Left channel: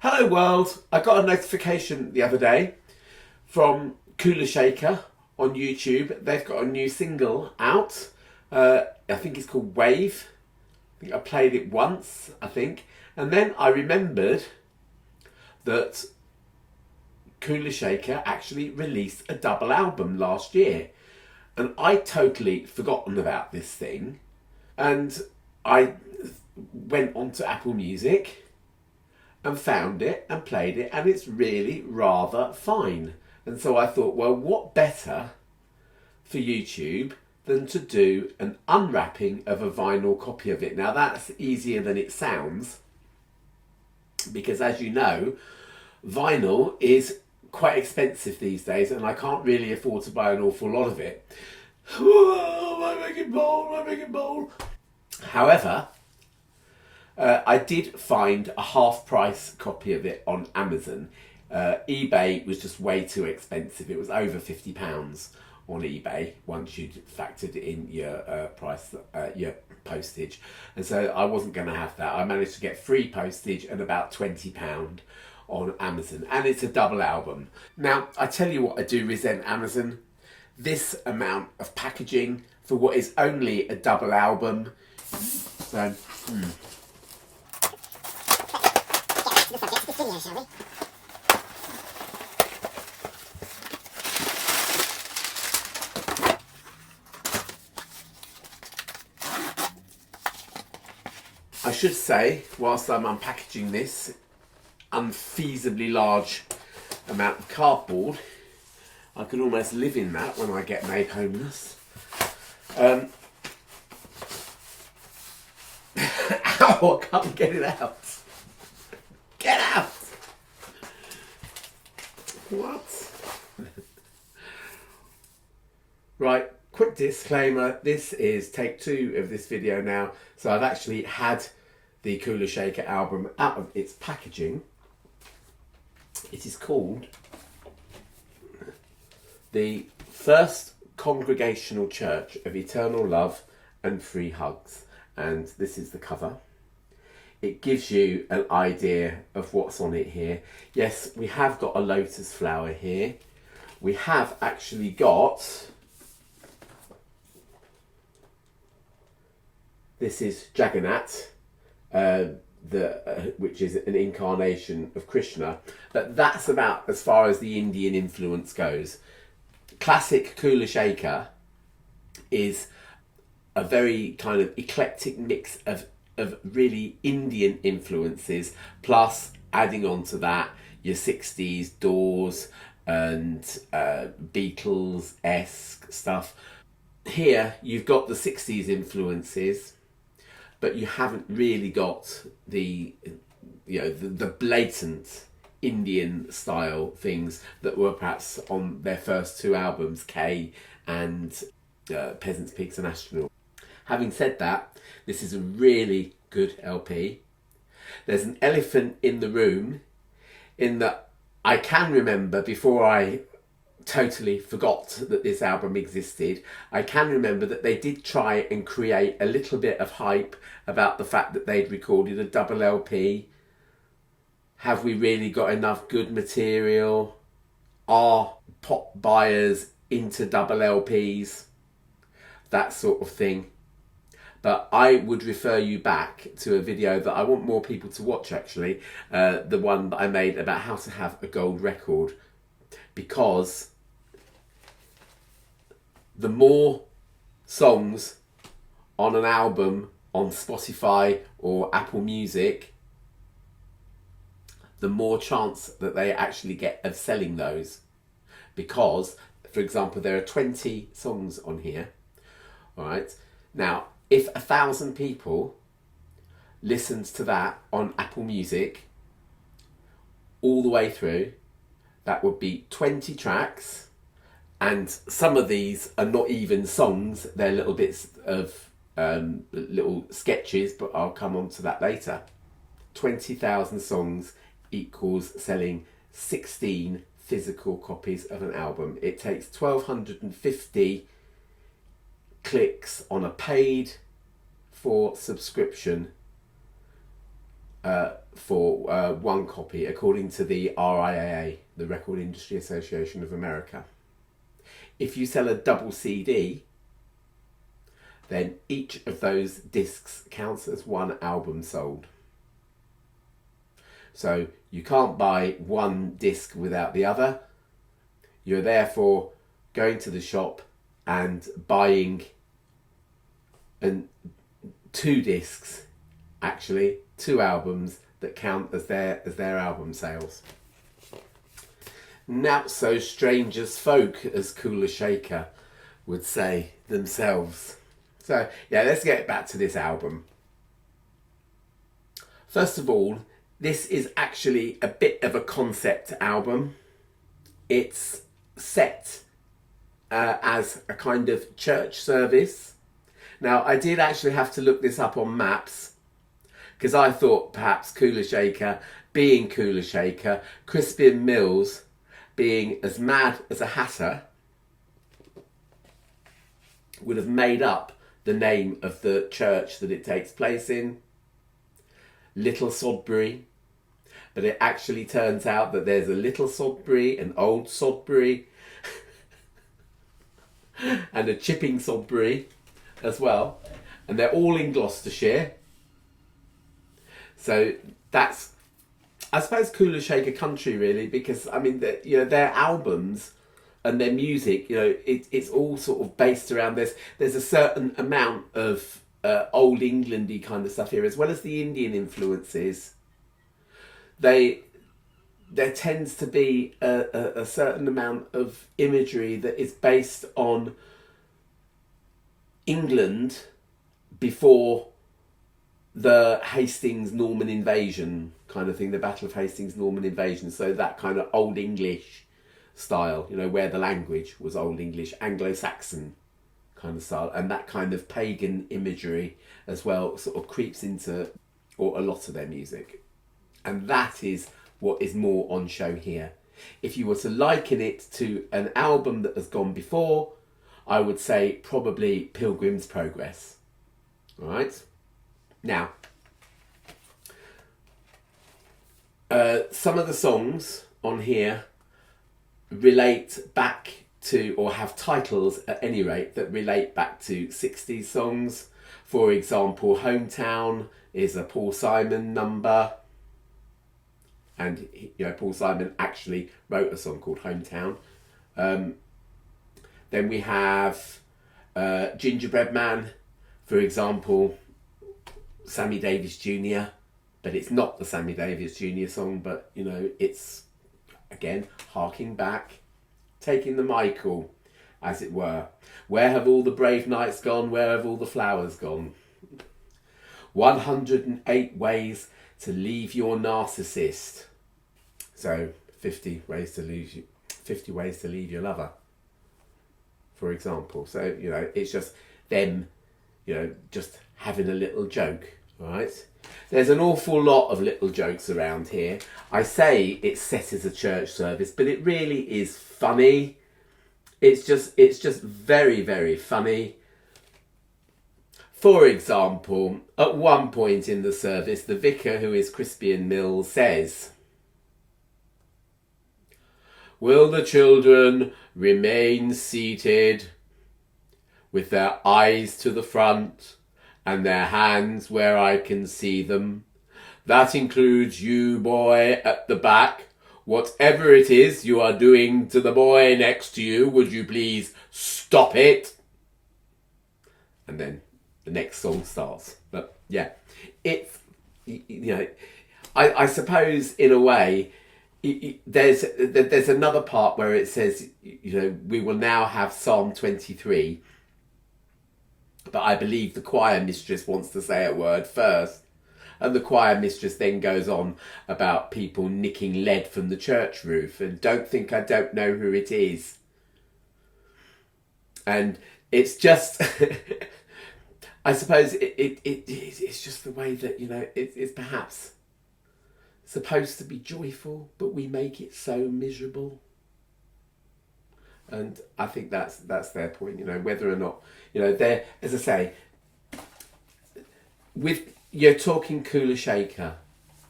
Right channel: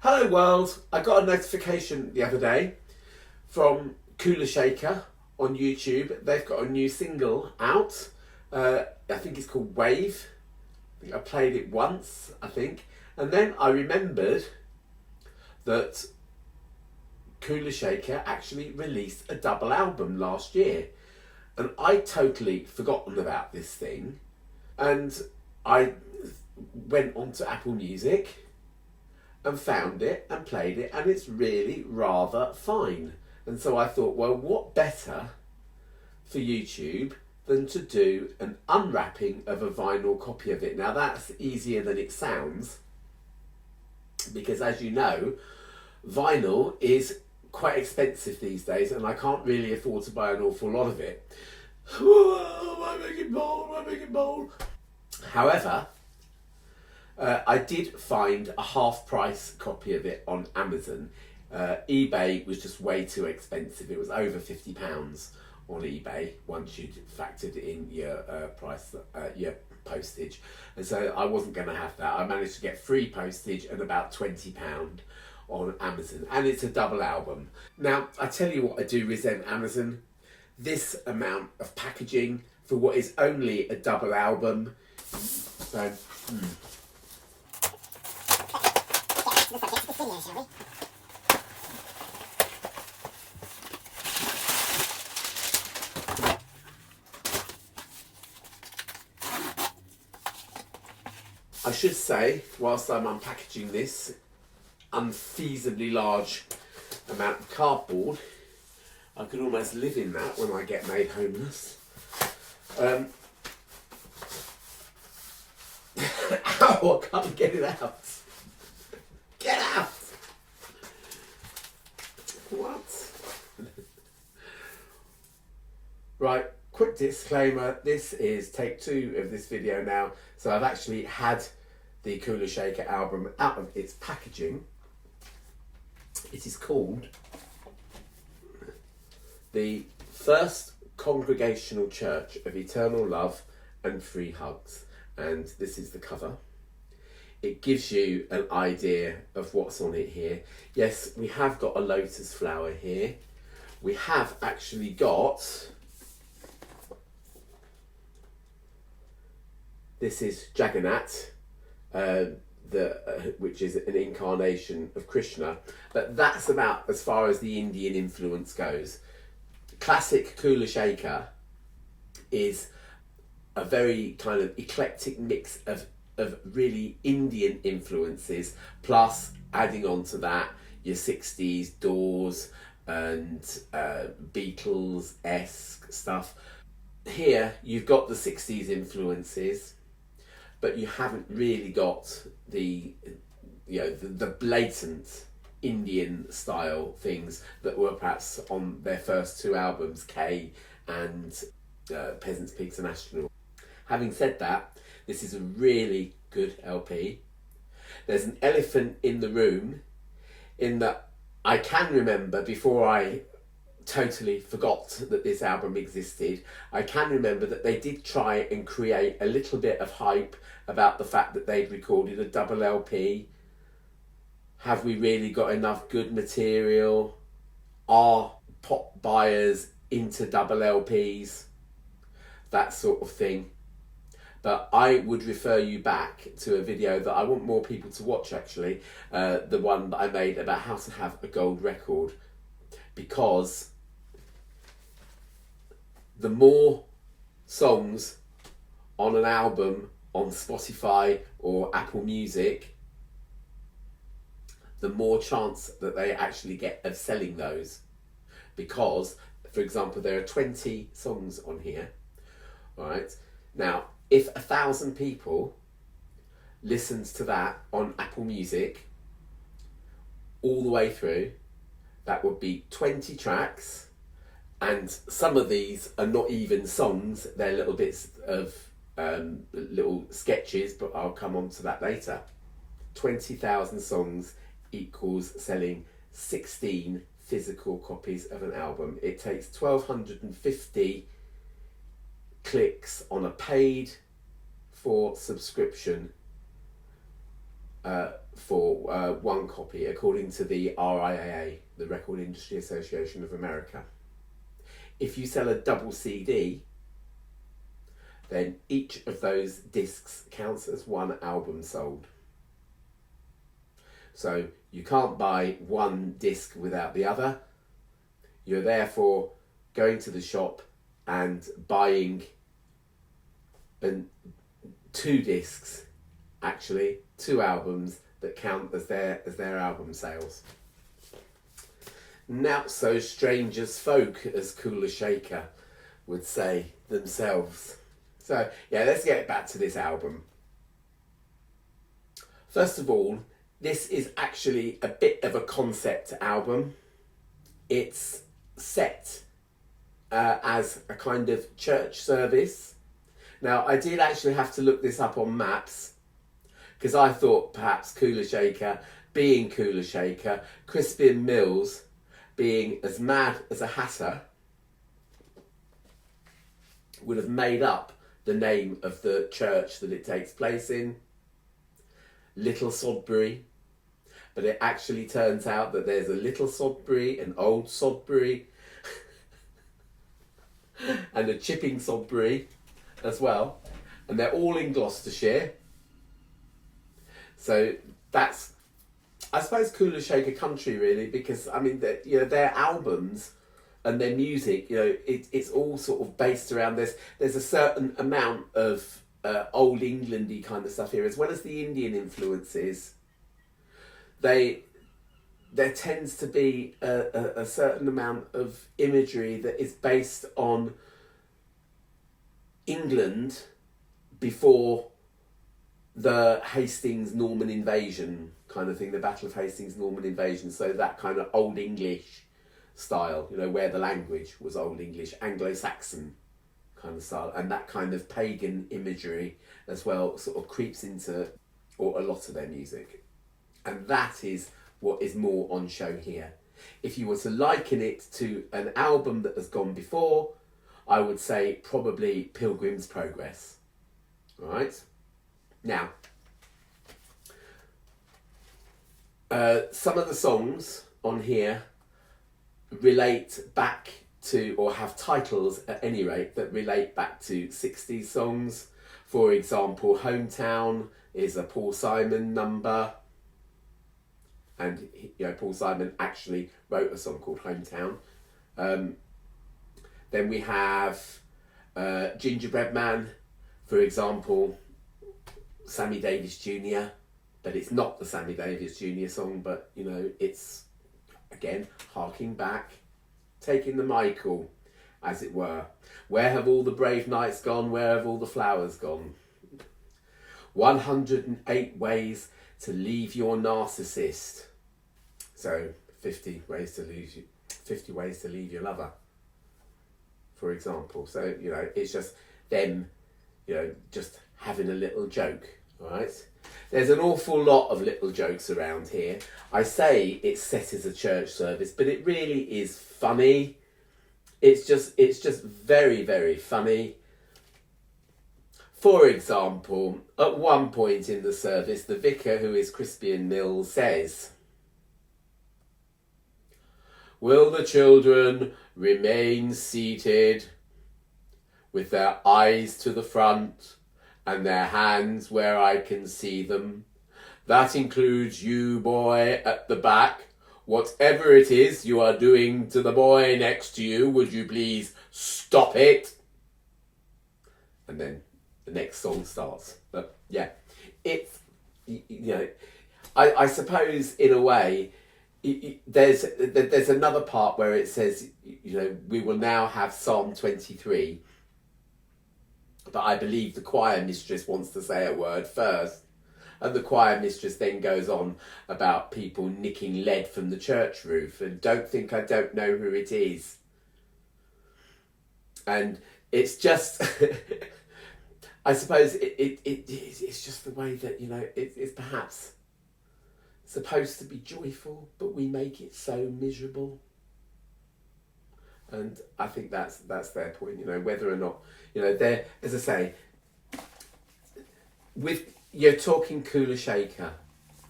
Hello world, I got a notification the other day from Kula SHAKER on YouTube. They've got a new single out. I think it's called Wave. I think I played it once, and then I remembered that Kula SHAKER actually released a double album last year, and I totally forgotten about this thing, and I went onto Apple Music and found it and played it, and it's really rather fine. And so I thought, well, what better for YouTube than to do an unwrapping of a vinyl copy of it. Now that's easier than it sounds, because as you know, vinyl is quite expensive these days, and I can't really afford to buy an awful lot of it. Oh, I make it bold. However, I did find a half-price copy of it on Amazon. eBay was just way too expensive. It was over £50 on eBay once you'd factored in your price, your postage, and so I wasn't going to have that. I managed to get free postage and about £20 on Amazon, and it's a double album. Now, I tell you what, I do resent Amazon. This amount of packaging for what is only a double album. So, I should say, whilst I'm unpackaging this unfeasibly large amount of cardboard, I could almost live in that when I get made homeless. Ow, I can't get it out. Get out! What? Right, quick disclaimer. This is take 2 of this video now. So I've actually had the Kula SHAKER album out of its packaging. It is called The First Congregational Church of Eternal Love and Free Hugs. And this is the cover. It gives you an idea of what's on it here. Yes, we have got a lotus flower here. We have actually got, this is Jagannath, which is an incarnation of Krishna, but that's about as far as the Indian influence goes. Classic Kula SHAKER is a very kind of eclectic mix of really Indian influences, plus adding on to that your 60s Doors and Beatles-esque stuff. Here you've got the 60s influences, but you haven't really got the blatant Indian style things that were perhaps on their first 2 albums, K and Peasants, Pigs and Astronaut. Having said that, this is a really good LP. There's an elephant in the room in that I can remember, before I totally forgot that this album existed, I can remember that they did try and create a little bit of hype about the fact that they'd recorded a double LP. Have we really got enough good material? Are pop buyers into double LPs? That sort of thing. But I would refer you back to a video that I want more people to watch, actually, the one that I made about how to have a gold record, because the more songs on an album on Spotify or Apple Music, the more chance that they actually get of selling those. Because, for example, there are 20 songs on here. All right. Now, if 1,000 people listens to that on Apple Music all the way through, that would be 20 tracks, and some of these are not even songs, they're little bits of little sketches, but I'll come on to that later. 20,000 songs equals selling 16 physical copies of an album. It takes 1,250 clicks on a paid for subscription for one copy, according to the RIAA, the Record Industry Association of America. If you sell a double CD, then each of those discs counts as one album sold. So you can't buy one disc without the other. You're therefore going to the shop and buying two discs, actually, two albums that count as their album sales. Not so strange as folk, as Kula SHAKER would say themselves. So yeah, let's get back to this album. First of all, this is actually a bit of a concept album. It's set as a kind of church service. Now, I did actually have to look this up on maps, because I thought perhaps Kula SHAKER being Kula SHAKER, Crispian Mills being as mad as a hatter, would have made up the name of the church that it takes place in, Little Sodbury. But it actually turns out that there's a Little Sodbury, an Old Sodbury, and a Chipping Sodbury as well. And they're all in Gloucestershire. So that's, I suppose, Kula SHAKER country, really, because I mean, their albums and their music, it's all sort of based around this. There's a certain amount of old Englandy kind of stuff here, as well as the Indian influences. There tends to be a certain amount of imagery that is based on England before the Hastings Norman invasion kind of thing, the Battle of Hastings Norman invasion. So that kind of Old English style, where the language was Old English, Anglo-Saxon kind of style, and that kind of pagan imagery as well sort of creeps into a lot of their music. And that is what is more on show here. If you were to liken it to an album that has gone before, I would say probably Pilgrim's Progress. All right? Now, some of the songs on here relate back to, or have titles at any rate, that relate back to 60s songs. For example, Hometown is a Paul Simon number. And Paul Simon actually wrote a song called Hometown. Then we have Gingerbread Man, for example, Sammy Davis Jr. But it's not the Sammy Davis Jr. song, but it's, again, harking back, taking the Michael, as it were. Where have all the brave nights gone? Where have all the flowers gone? 108 ways to leave your narcissist. So 50 ways to leave your lover, for example. So it's just them, just having a little joke. All right. There's an awful lot of little jokes around here. I say it's set as a church service, but it really is funny. It's just very, very funny. For example, at one point in the service, the vicar, who is Crispian Mills, says, "Will the children remain seated with their eyes to the front and their hands where I can see them? That includes you, boy, at the back. Whatever it is you are doing to the boy next to you, would you please stop it?" And then the next song starts. But yeah, it's, I suppose in a way, there's another part where it says, we will now have Psalm 23. But I believe the choir mistress wants to say a word first. And the choir mistress then goes on about people nicking lead from the church roof. And don't think I don't know who it is. And it's just, I suppose it's just the way that, it's perhaps supposed to be joyful, but we make it so miserable. And I think that's their point, whether or not, they're, as I say, you're talking Kula SHAKER.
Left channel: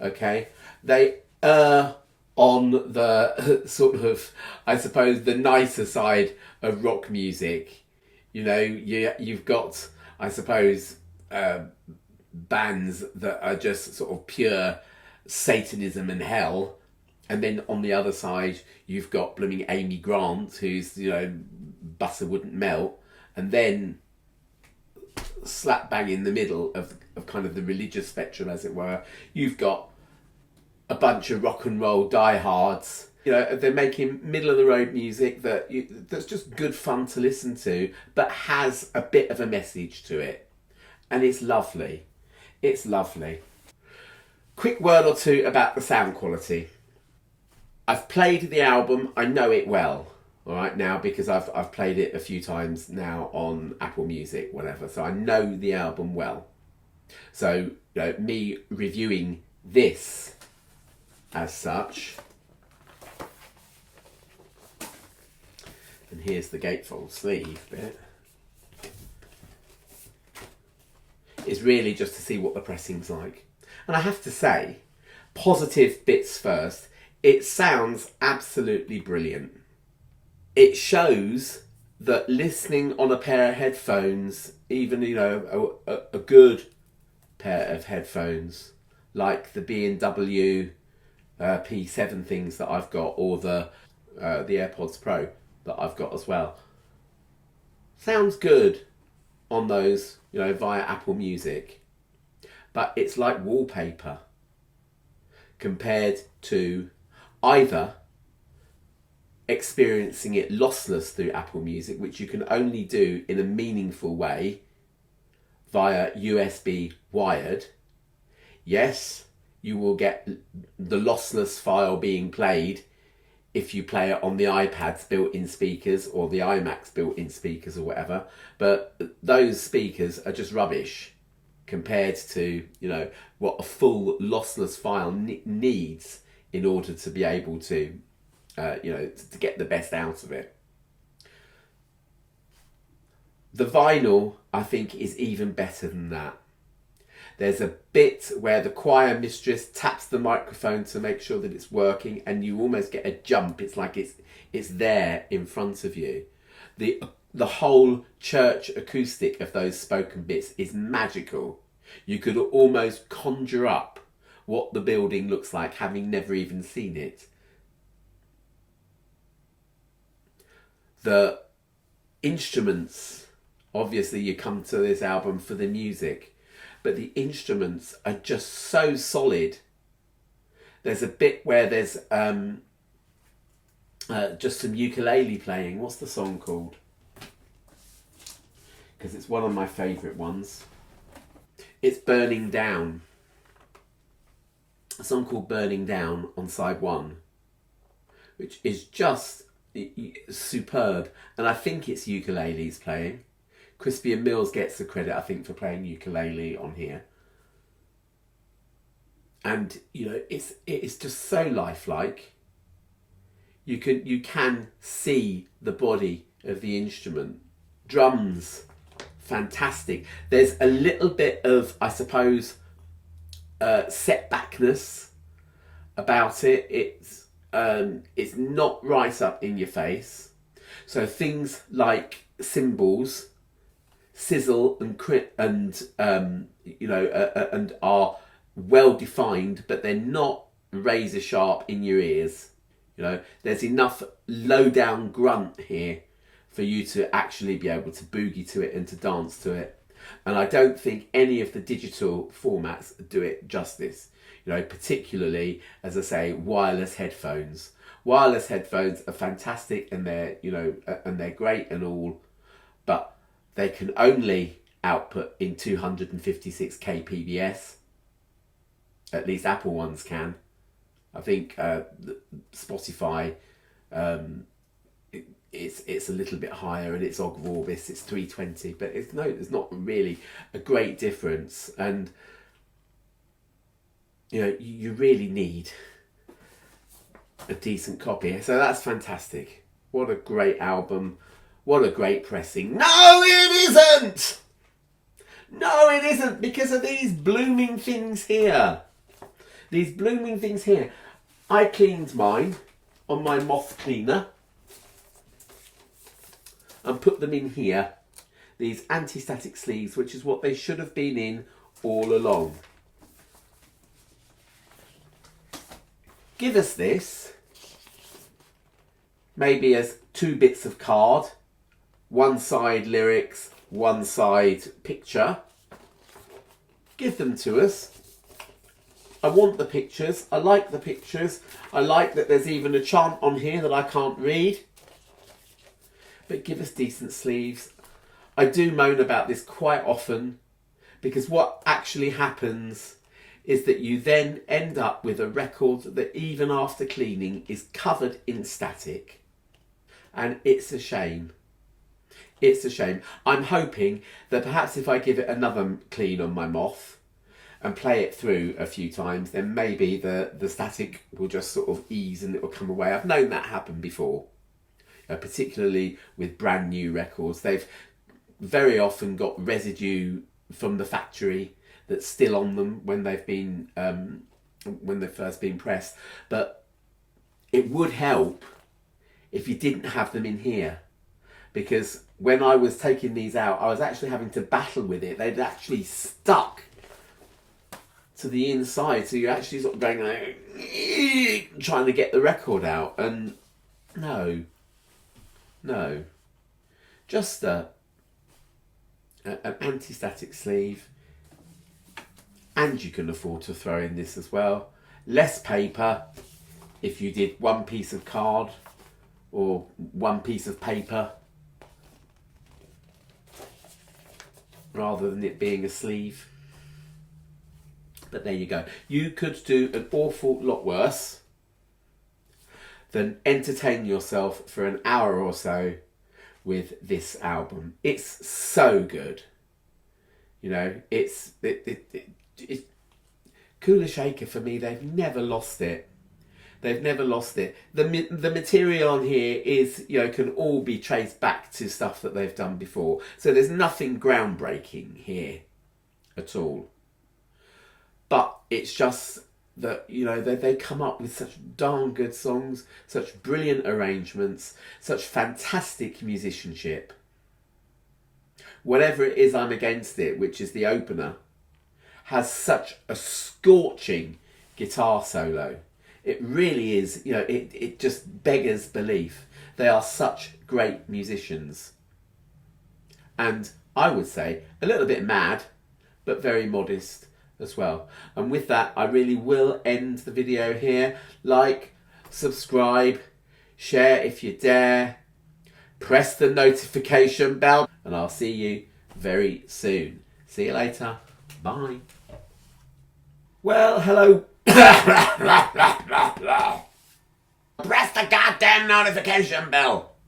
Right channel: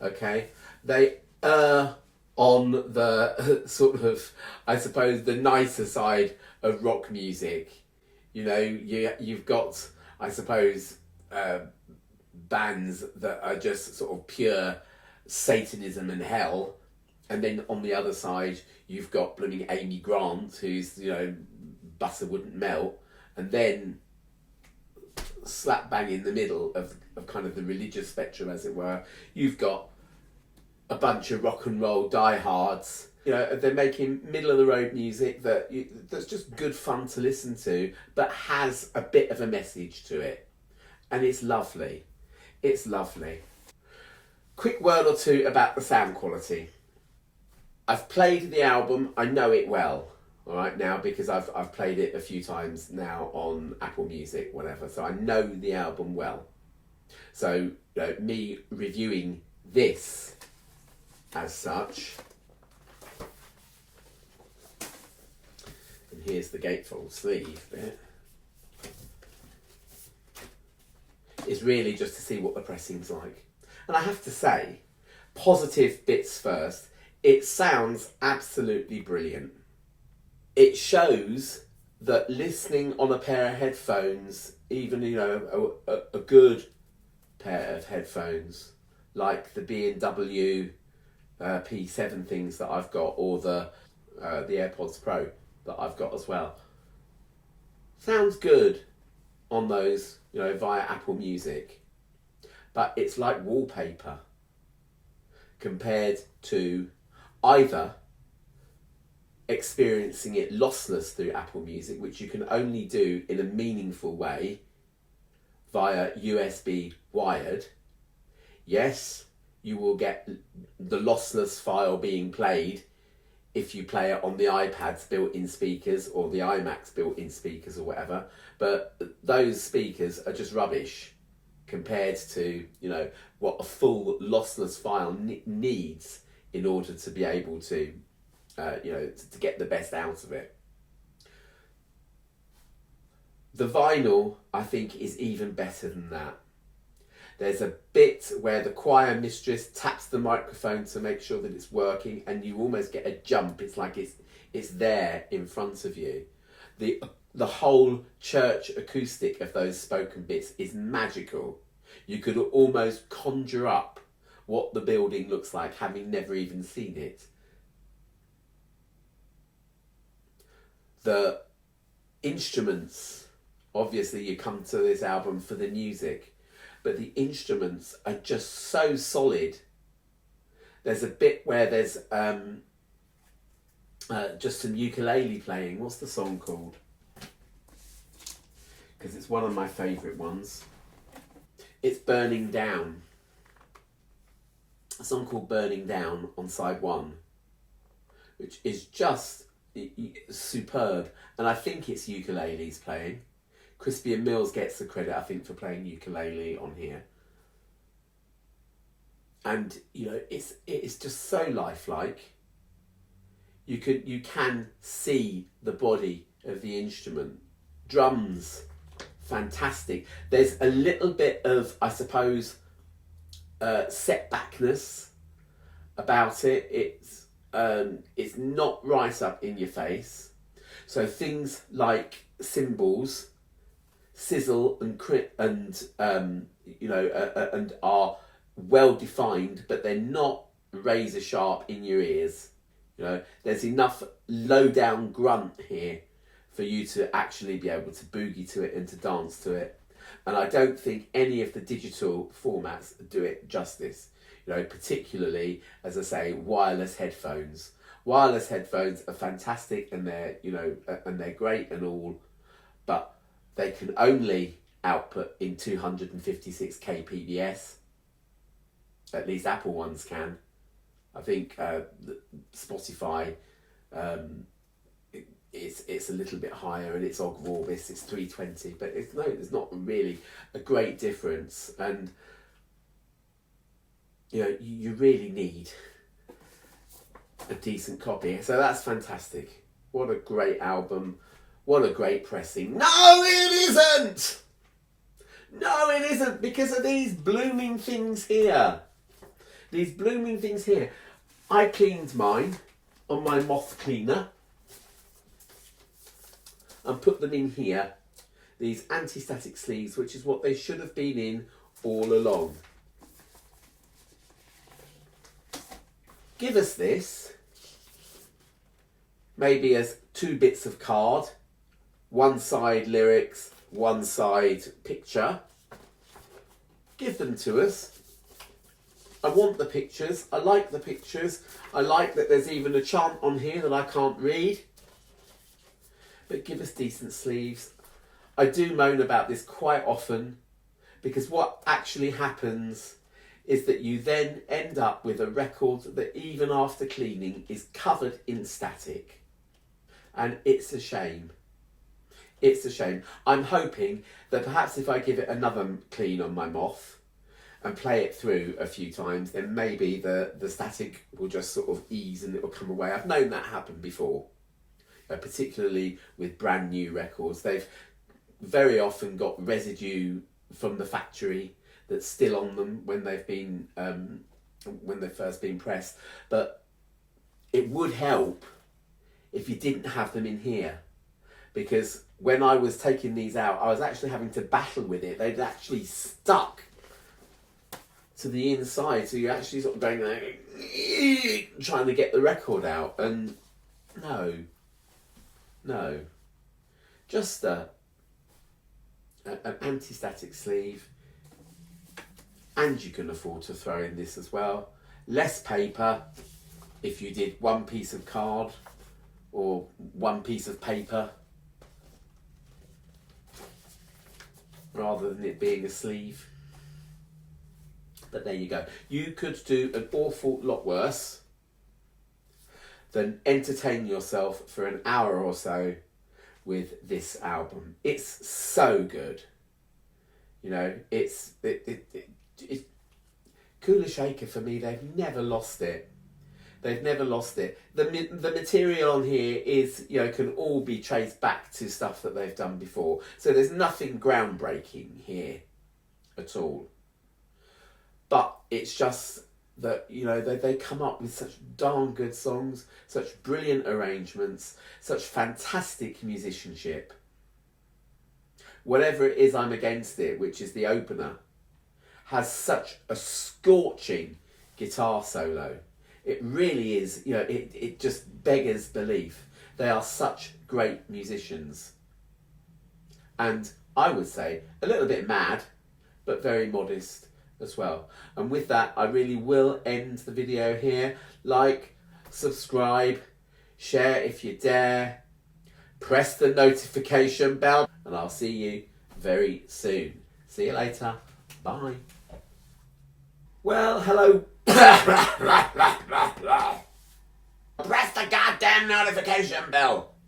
Okay, they err on the sort of, I suppose, the nicer side of rock music. You know, you've got, I suppose, bands that are just sort of pure Satanism and hell, and then on the other side you've got blooming Amy Grant, who's, you know, butter wouldn't melt, and then slap bang in the middle of kind of the religious spectrum, as it were, you've got a bunch of rock and roll diehards. You know, they're making middle of the road music that's just good fun to listen to, but has a bit of a message to it, and it's lovely. It's lovely. Quick word or two about the sound quality. I've played the album. I know it well. All right, now, because I've played it a few times now on Apple Music, whatever. So I know the album well. So, you know, me reviewing this as such. And here's the gatefold sleeve bit. Is really just to see what the pressing's like. And I have to say, positive bits first, it sounds absolutely brilliant. It shows that listening on a pair of headphones, even, you know, a good pair of headphones, like the B&W P7 things that I've got, or the AirPods Pro that I've got as well, sounds good on those, you know, via Apple Music. But it's like wallpaper compared to either experiencing it lossless through Apple Music, which you can only do in a meaningful way via USB wired. Yes, you will get the lossless file being played if you play it on the iPad's built-in speakers or the iMac's built-in speakers or whatever, but those speakers are just rubbish compared to, you know, what a full lossless file needs in order to be able to, you know, to get the best out of it. The vinyl, I think, is even better than that. There's a bit where the choir mistress taps the microphone to make sure that it's working, and you almost get a jump. It's like it's there in front of you. The whole church acoustic of those spoken bits is magical. You could almost conjure up what the building looks like, having never even seen it. The instruments, obviously you come to this album for the music, but the instruments are just so solid. There's a bit where there's just some ukulele playing. What's the song called? Because it's one of my favourite ones. It's Burning Down. A song called Burning Down on side 1, which is just superb. And I think it's ukuleles playing. Crispian Mills gets the credit, I think, for playing ukulele on here. And, you know, it's just so lifelike. You can see the body of the instrument. Drums, fantastic. There's a little bit of, I suppose, setbackness about it. It's not right up in your face. So things like cymbals sizzle and crit and you know, and are well defined, but they're not razor sharp in your ears. You know, there's enough low down grunt here for you to actually be able to boogie to it and to dance to it. And I don't think any of the digital formats do it justice. You know, particularly, as I say, wireless headphones. Wireless headphones are fantastic, and they're, you know, and they're great and all, but they can only output in 256 kbps. At least Apple ones can. I think Spotify, it's a little bit higher, and it's Ogg Vorbis, it's 320, but there's not really a great difference. And you know, you really need a decent copy. So that's fantastic. What a great album. What a great pressing. No, it isn't! No, it isn't, because of these blooming things here. These blooming things here. I cleaned mine on my moth cleaner and put them in here. These anti-static sleeves, which is what they should have been in all along. Give us this, maybe as 2 bits of card, one side lyrics, one side picture. Give them to us. I want the pictures. I like the pictures. I like that there's even a chant on here that I can't read. But give us decent sleeves. I do moan about this quite often, because what actually happens is that you then end up with a record that even after cleaning is covered in static. And it's a shame. It's a shame. I'm hoping that perhaps if I give it another clean on my moth and play it through a few times, then maybe the static will just sort of ease and it will come away. I've known that happen before, particularly with brand new records. They've very often got residue from the factory that's still on them when they've been when they've first been pressed. But it would help if you didn't have them in here, because when I was taking these out, I was actually having to battle with it. They'd actually stuck to the inside, so you're actually sort of going like, trying to get the record out. And no, just an anti-static sleeve. And you can afford to throw in this as well. Less paper if you did one piece of card or one piece of paper, rather than it being a sleeve. But there you go. You could do an awful lot worse than entertain yourself for an hour or so with this album. It's so good. You know, it's Kula SHAKER, for me, they've never lost it. They've never lost it. The material on here is, you know, can all be traced back to stuff that they've done before. So there's nothing groundbreaking here at all. But it's just that, you know, they come up with such darn good songs, such brilliant arrangements, such fantastic musicianship. Whatever it is I'm Against It, which is the opener, has such a scorching guitar solo. It really is, you know, it just beggars belief. They are such great musicians. And I would say a little bit mad, but very modest as well. And with that, I really will end the video here. Like, subscribe, share if you dare, press the notification bell, and I'll see you very soon. See you later. Bye. Well, hello. Press the goddamn notification bell.